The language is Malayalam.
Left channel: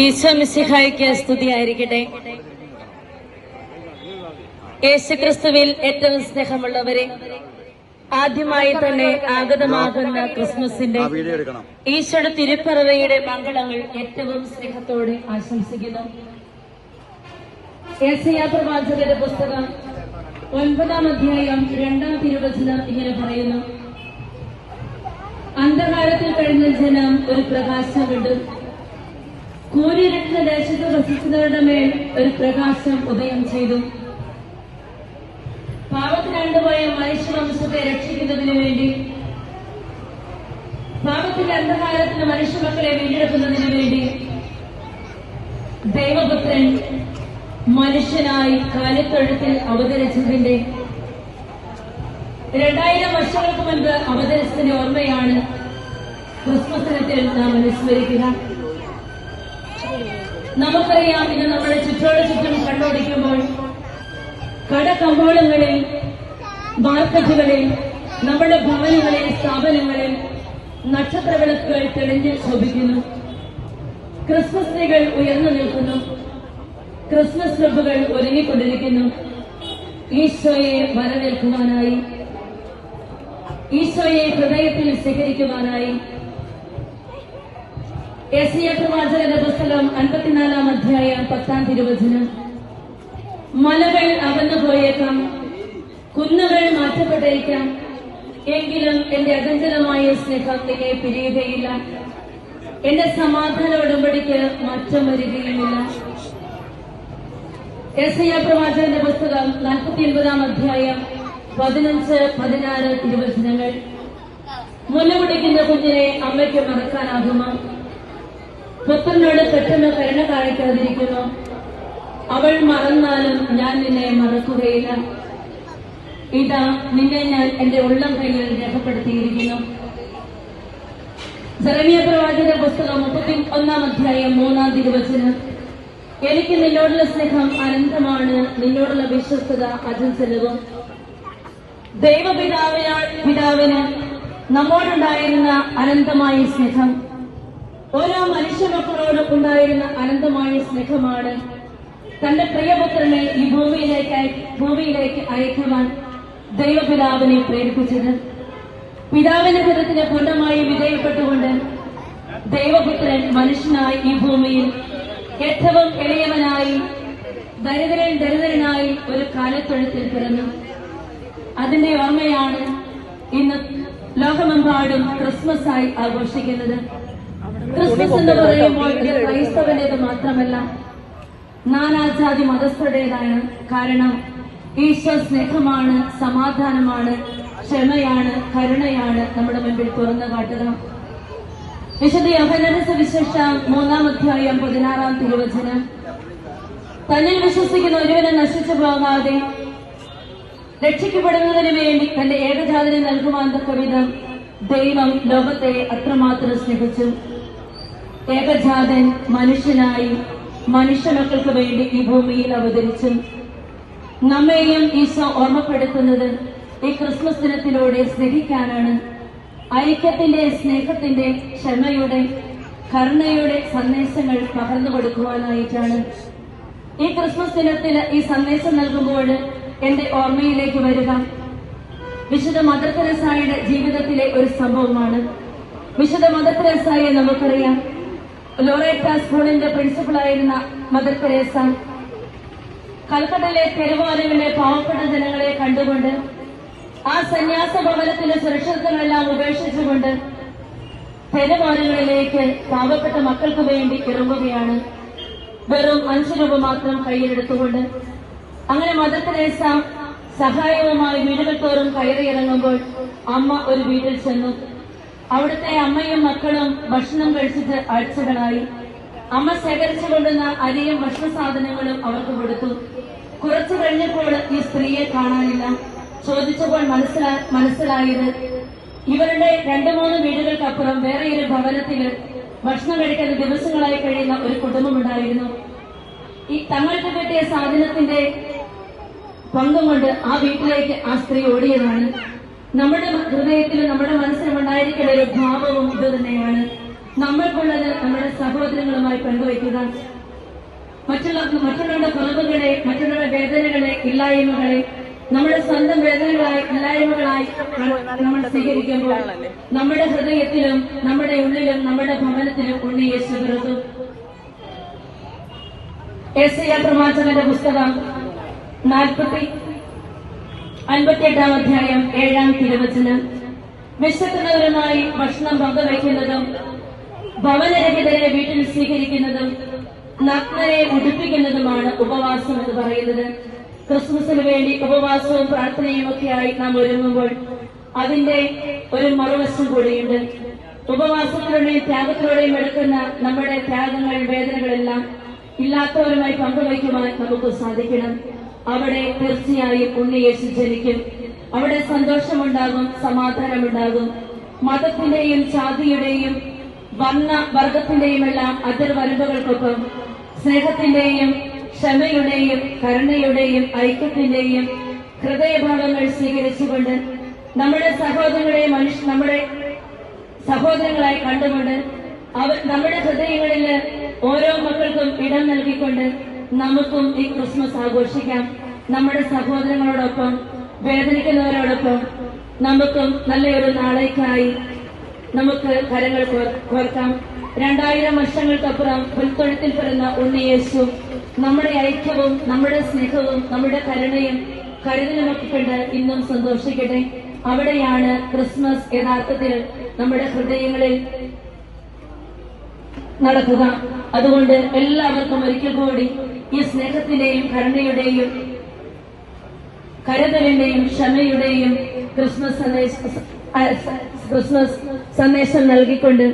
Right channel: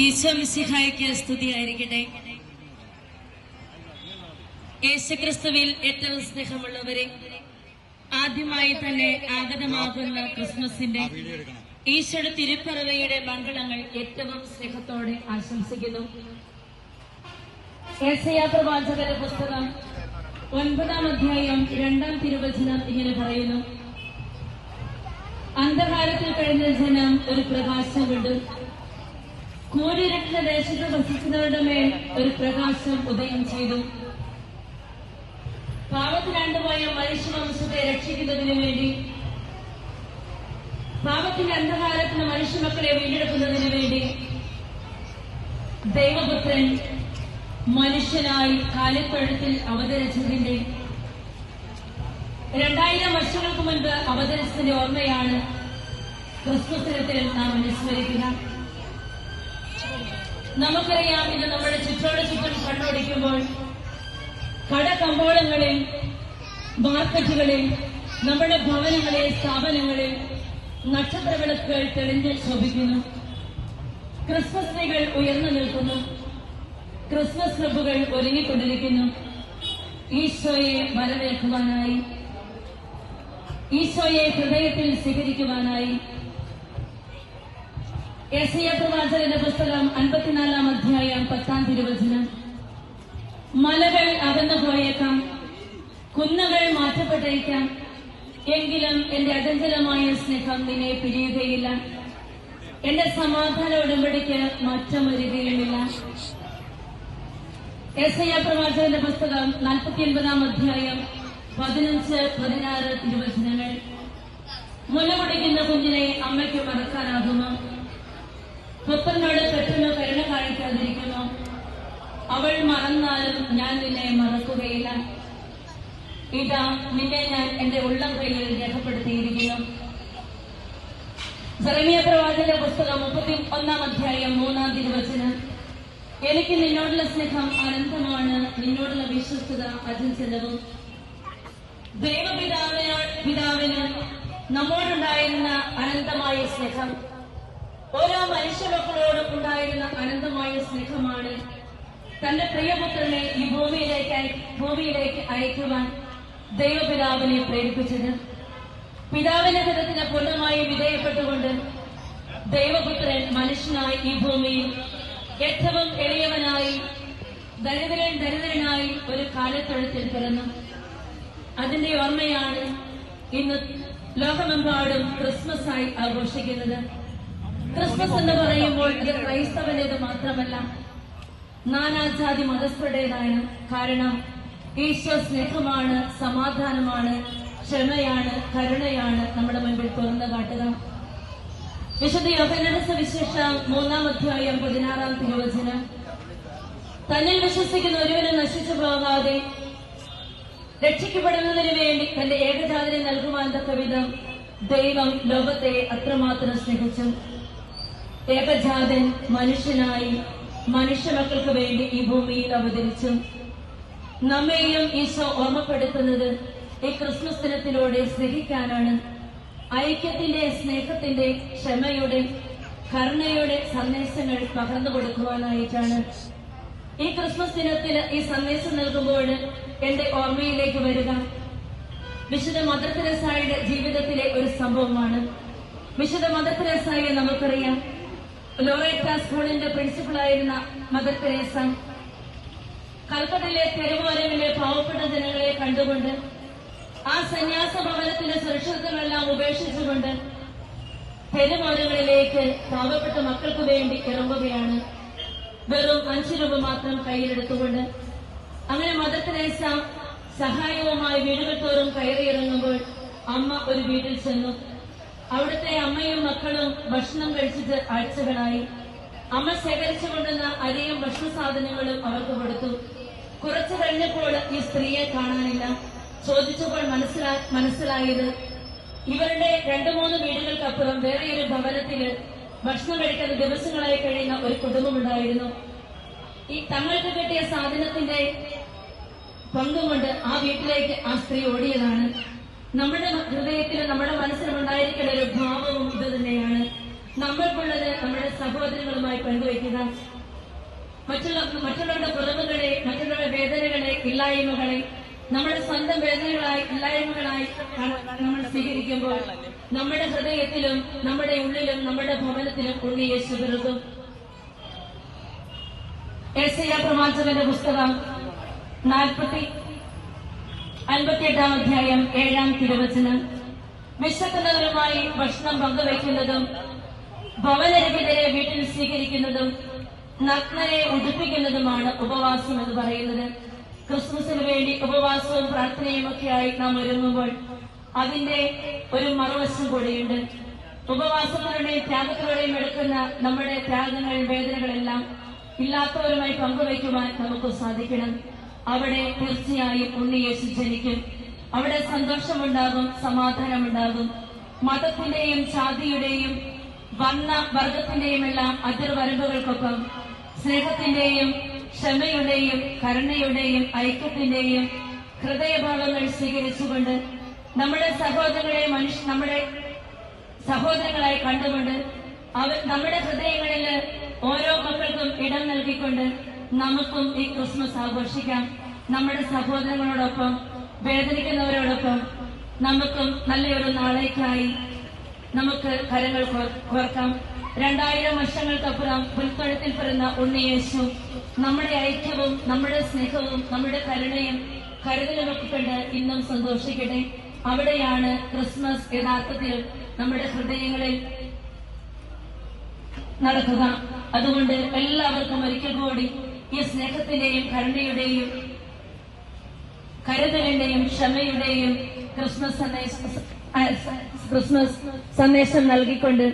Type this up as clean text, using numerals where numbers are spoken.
ഈശോ മിശിഹായ്ക്ക് സ്തുതിയായിരിക്കട്ടെ. യേശുക്രിസ്തുവിൽ ഏറ്റവും സ്നേഹമുള്ളവരെ, ആദ്യമായി തന്നെ ആഗതമാകുന്ന ക്രിസ്മസിന്റെ ഈശോയുടെ തിരുപ്പിറവിയുടെ മംഗളങ്ങൾ ഏറ്റവും സ്നേഹത്തോടെ ആശംസിക്കുന്നു. യെശയ്യാ പ്രവാചകന്റെ പുസ്തകം 9-ാം അധ്യായം 2-ാം തിരുവചനം ഇങ്ങനെ പറയുന്നു: അന്ധകാരത്തിൽ കഴിഞ്ഞ ജനം ഒരു പ്രകാശം കണ്ടു. കൂരിരുട്ടുന്ന ദേശത്ത് വസിച്ചവരുടെ മേൽ ഒരു പ്രകാശം ഉദയം ചെയ്തു. പാപത്തിലണ്ടുപോയ മനുഷ്യവംശത്തെ രക്ഷിക്കുന്നതിന് വേണ്ടി, പാപത്തിന്റെ അന്ധകാരത്തിന് മനുഷ്യമക്കളെ വീണ്ടെടുക്കുന്നതിന് വേണ്ടി ദൈവപുത്രൻ മനുഷ്യനായി കാലിത്തൊഴുത്തിൽ അവതരിച്ചതിന്റെ 2000 വർഷങ്ങൾക്ക് മുൻപ് അവതരിച്ചതിന്റെ ഓർമ്മയാണ് ക്രിസ്മസ് ദിനത്തിൽ നാം അനുസ്മരിക്കുക. നമുക്കറിയാം, ഇന്ന് നമ്മുടെ ചുറ്റും കണ്ടോടിക്കുമ്പോൾ കടകമ്പോളങ്ങളിൽ, മാർക്കറ്റുകളിൽ, നമ്മുടെ ഭവനങ്ങളിൽ, സ്ഥാപനങ്ങളിൽ നക്ഷത്രവിളക്കുകൾ തെളിഞ്ഞ് ശോഭിക്കുന്നു. ക്രിസ്മസ് ട്രീകൾ ഉയർന്നു നിൽക്കുന്നു. ക്രിസ്മസ് ക്ലബ്ബുകൾ ഒരുങ്ങിക്കൊണ്ടിരിക്കുന്നു. ഈശോയെ വരവേൽക്കുവാനായി, ഈശോയെ ഹൃദയത്തിൽ സ്വീകരിക്കുവാനായി. യെശയ്യാ പ്രവാചകന്റെ പുസ്തകം 54-ാം അധ്യായം 10-ാം തിരുവചനം: മലകൾ അകന്നുപോയേക്കാം, കുന്നുകൾ മാറ്റപ്പെട്ടേക്കാം, എങ്കിലും എന്റെ അചഞ്ചലമായ സ്നേഹം നിന്നെ പിരിയുകയില്ല, എന്റെ സമാധാന ഉടമ്പടിക്ക് മാറ്റം വരികയുമില്ല. യെശയ്യാ പ്രവാചകന്റെ പുസ്തകം 49-ാം അധ്യായം 15-16 തിരുവചനങ്ങൾ: മുലകുടിക്കുന്ന കുഞ്ഞിനെ അമ്മയ്ക്ക് മറക്കാനാകുമോ? പുത്രനോട് പെട്ടെന്ന് കരുണ കാണിക്കാതിരിക്കുന്നു. അവൾ മറന്നാലും ഞാൻ നിന്നെ മറക്കുകയില്ല. ഇതാ, നിന്നെ ഞാൻ എന്റെ ഉള്ളം കയ്യിൽ രേഖപ്പെടുത്തിയിരിക്കുന്നു. ജെറമിയ പ്രവാചകന്റെ പുസ്തകം 31-ാം അധ്യായം 3-ാം തിരുവചനം: എനിക്ക് നിന്നോടുള്ള സ്നേഹം അനന്തമാണ്, നിന്നോടുള്ള വിശ്വസ്തത അചഞ്ചലവും. ദൈവപിതാവിന് നമ്മോടുണ്ടായിരുന്ന അനന്തമായ സ്നേഹം, ഓരോ മനുഷ്യമക്കളോട് ഉണ്ടായിരുന്ന അനന്തമായ സ്നേഹമാണ് തന്റെ പ്രിയപുത്രനെ ഈ ഭൂമിയിലേക്ക് അയക്കുവാൻ ദൈവപിതാവിനെ പ്രേരിപ്പിച്ചത്. പിതാവിന്റെ ഹിതത്തിന് പൂർണ്ണമായി വിധേയപ്പെട്ടുകൊണ്ട് ദൈവപുത്രൻ മനുഷ്യനായി ഈ ഭൂമിയിൽ ഏറ്റവും എളിയവനായി, ദരിദ്രനായി ഒരു കാലത്തൊഴുത്തിൽ പിറന്നു. അതിന്റെ ഓർമ്മയാണ് ഇന്ന് ലോകമെമ്പാടും ക്രിസ്മസ് ആയി ആഘോഷിക്കുന്നത്. ക്രിസ്മസ് എന്ന് പറയുമ്പോൾ ഇത് ക്രൈസ്തവനേത് മാത്രമല്ല, നാനാജാതി മതസ്ഥരുടേതാണ്. കാരണം ഈശോ സ്നേഹമാണ്, സമാധാനമാണ്, ക്ഷമയാണ്, കരുണയാണ് നമ്മുടെ മുൻപിൽ തുറന്നു കാട്ടുക. വിശുദ്ധ യോഹന്നാന്റെ സുവിശേഷം 3-ാം അധ്യായം 16-ാം തിരുവചനം: തന്നിൽ വിശ്വസിക്കുന്ന ഒരുവനെ നശിച്ചു പോകാതെ രക്ഷിക്കപ്പെടുന്നതിന് വേണ്ടി തന്റെ ഏകജാതനെ നൽകുവാൻ തക്കവിധം ദൈവം ലോകത്തെ അത്രമാത്രം സ്നേഹിച്ചു. ഏകജാതൻ മനുഷ്യനായി മനുഷ്യമക്കൾക്ക് വേണ്ടി ഈ ഭൂമിയിൽ അവതരിച്ചു. നമ്മെയും ഈശോ ഓർമ്മപ്പെടുത്തുന്നത് ഈ ക്രിസ്മസ് ദിനത്തിലൂടെ സ്നേഹിക്കാനാണ്. ഐക്യത്തിന്റെ, സ്നേഹത്തിന്റെ, ക്ഷമയുടെ, കരുണയുടെ സന്ദേശങ്ങൾ പകർന്നു കൊടുക്കുവാനായിട്ടാണ്. ഈ ക്രിസ്മസ് ദിനത്തിൽ ഈ സന്ദേശം നൽകുമ്പോൾ എന്റെ ഓർമ്മയിലേക്ക് വരിക വിശുദ്ധ മദർ തെരേസയുടെ ജീവിതത്തിലെ ഒരു സംഭവമാണ്. വിശുദ്ധ മദർ തെരേസയെ നമുക്കറിയാം. ലോറേറ്റ സ്കൂളിന്റെ പ്രിൻസിപ്പളായിരുന്ന മദർ തെരേസ കൽക്കട്ടയിലെ തെരുവോരങ്ങളിലെ പാവപ്പെട്ട ജനങ്ങളെ കണ്ടുകൊണ്ട് ആ സന്യാസ ഭവനത്തിന്റെ സുരക്ഷിതത്വമെല്ലാം ഉപേക്ഷിച്ചുകൊണ്ട് തെരുവോരങ്ങളിലേക്ക് പാവപ്പെട്ട മക്കൾക്ക് വേണ്ടി ഇറങ്ങുകയാണ്, വെറും 5 രൂപ മാത്രം കയ്യിലെടുത്തുകൊണ്ട്. അങ്ങനെ മദർ തെരേസ സഹായവുമായി വീടുകൾ തോറും കയറിയിറങ്ങുമ്പോൾ അമ്മ ഒരു വീട്ടിൽ ചെന്നു. അവിടുത്തെ അമ്മയും മക്കളും ഭക്ഷണം കഴിച്ചിട്ട് ആഴ്ചകളായി. അമ്മ ശേഖരിച്ചു കൊണ്ടുവന്ന അരിയും ഭക്ഷണ സാധനങ്ങളും അവർക്ക് കൊടുത്തു. കുറച്ചു കഴിഞ്ഞപ്പോൾ ഈ സ്ത്രീയെ കാണാനില്ല. ചോദിച്ചപ്പോൾ മനസ്സിലായത് ഇവരുടെ 2-3 വീടുകൾക്കപ്പുറം വേറെ ഒരു ഭവനത്തില് ഭക്ഷണം കഴിക്കാൻ ദിവസങ്ങളായി കഴിയുന്ന ഒരു കുടുംബമുണ്ടായിരുന്നു. ഈ തങ്ങൾക്ക് കിട്ടിയ സാധനത്തിന്റെ പങ്കും കൊണ്ട് ആ വീട്ടിലേക്ക് ആ സ്ത്രീ ഓടിയതാണ്. നമ്മുടെ ഹൃദയത്തിൽ, നമ്മുടെ മനസ്സിലും ഉണ്ടായിരിക്കുന്ന ഒരു ഭാവവും ഇത് തന്നെയാണ്. നമ്മൾക്കുള്ളത് നമ്മുടെ സഹോദരങ്ങളുമായി പങ്കുവയ്ക്കുക. മറ്റുള്ളവരുടെ കുറവുകളെ, മറ്റുള്ളവരുടെ വേദനകളെ, ഇല്ലായ്മകളെ നമ്മുടെ സ്വന്തം വേദനകളായി, ഇല്ലായ്മകളായി നമ്മൾ സ്വീകരിക്കുമ്പോൾ നമ്മുടെ ഹൃദയത്തിലും നമ്മുടെ ഉള്ളിലും നമ്മുടെ ഭവനത്തിലും ഉണ്ണി യേശു പിറക്കും. യെശയ്യാ പ്രവാചകന്റെ പുസ്തകം 58-ാം അധ്യായം 7-ാം തിരുവചനം. വിശക്കുന്നവരുമായി ഭക്ഷണം പങ്കുവയ്ക്കുന്നതും ഭവനരഹിതരെ വീട്ടിൽ സ്വീകരിക്കുന്നതും നഗ്നരെ ഉടുപ്പിക്കുന്നതുമാണ് ഉപവാസം എന്ന് പറയുന്നത്. ക്രിസ്മസിന് വേണ്ടി ഉപവാസവും പ്രാർത്ഥനയും ഒക്കെയായി നാം ഒരുങ്ങുമ്പോൾ അതിന്റെ ഒരു മറുവശം കൂടിയുണ്ട്. ഉപവാസത്തിലൂടെയും ത്യാഗത്തിലൂടെയും എടുക്കുന്ന നമ്മുടെ ത്യാഗങ്ങൾ, വേദനകളെല്ലാം ഇല്ലാത്തവരുമായി പങ്കുവയ്ക്കുവാൻ നമുക്ക് സാധിക്കണം. അവിടെ തീർച്ചയായും ഉണ്ണി യേശു ജനിക്കും. അവിടെ സന്തോഷമുണ്ടാകും, സമാധാനമുണ്ടാകും. മതത്തിന്റെയും ജാതിയുടെയും വർഗത്തിന്റെയും എല്ലാം അതിർവരമ്പുകൾക്കൊപ്പം സ്നേഹത്തിന്റെയും ക്ഷമയുടെയും കരുണയുടെയും ഐക്യത്തിന്റെയും ഹൃദയഭാവങ്ങൾ സ്വീകരിച്ചുകൊണ്ട് നമ്മുടെ സഹോദരങ്ങളായി കണ്ടുകൊണ്ട് നമ്മുടെ ഹൃദയങ്ങളിൽ ഓരോ മക്കൾക്കും ഇടം നൽകിക്കൊണ്ട് നമുക്കും ഈ ക്രിസ്മസ് ആഘോഷിക്കാം. നമ്മുടെ സഹോദരങ്ങളോടൊപ്പം, വേദനിക്കുന്നവരോടൊപ്പം നമുക്കും നല്ലൊരു നാളേക്കായി നമുക്ക് കരങ്ങൾ കോർക്കാം. 2000 വർഷങ്ങൾക്കപ്പുറം പുൽത്തൊഴുത്തിൽ പിറന്ന ഉണ്ണിയേശു നമ്മുടെ ഐക്യവും നമ്മുടെ സ്നേഹവും നമ്മുടെ കരുണയും കരുതലുമൊക്കെ കണ്ട് ഇന്നും സന്തോഷിക്കട്ടെ. അവിടെയാണ് ക്രിസ്മസ് യഥാർത്ഥത്തിൽ നമ്മുടെ ഹൃദയങ്ങളിൽ നടക്കുക. അതുകൊണ്ട് എല്ലാവർക്കും ഒരിക്കൽ കൂടി ഈ സ്നേഹത്തിന്റെയും കരുണയുടെയും കരുതലിന്റെയും ക്ഷമയുടെയും ക്രിസ്മസ് സന്ദേശം നൽകിക്കൊണ്ട്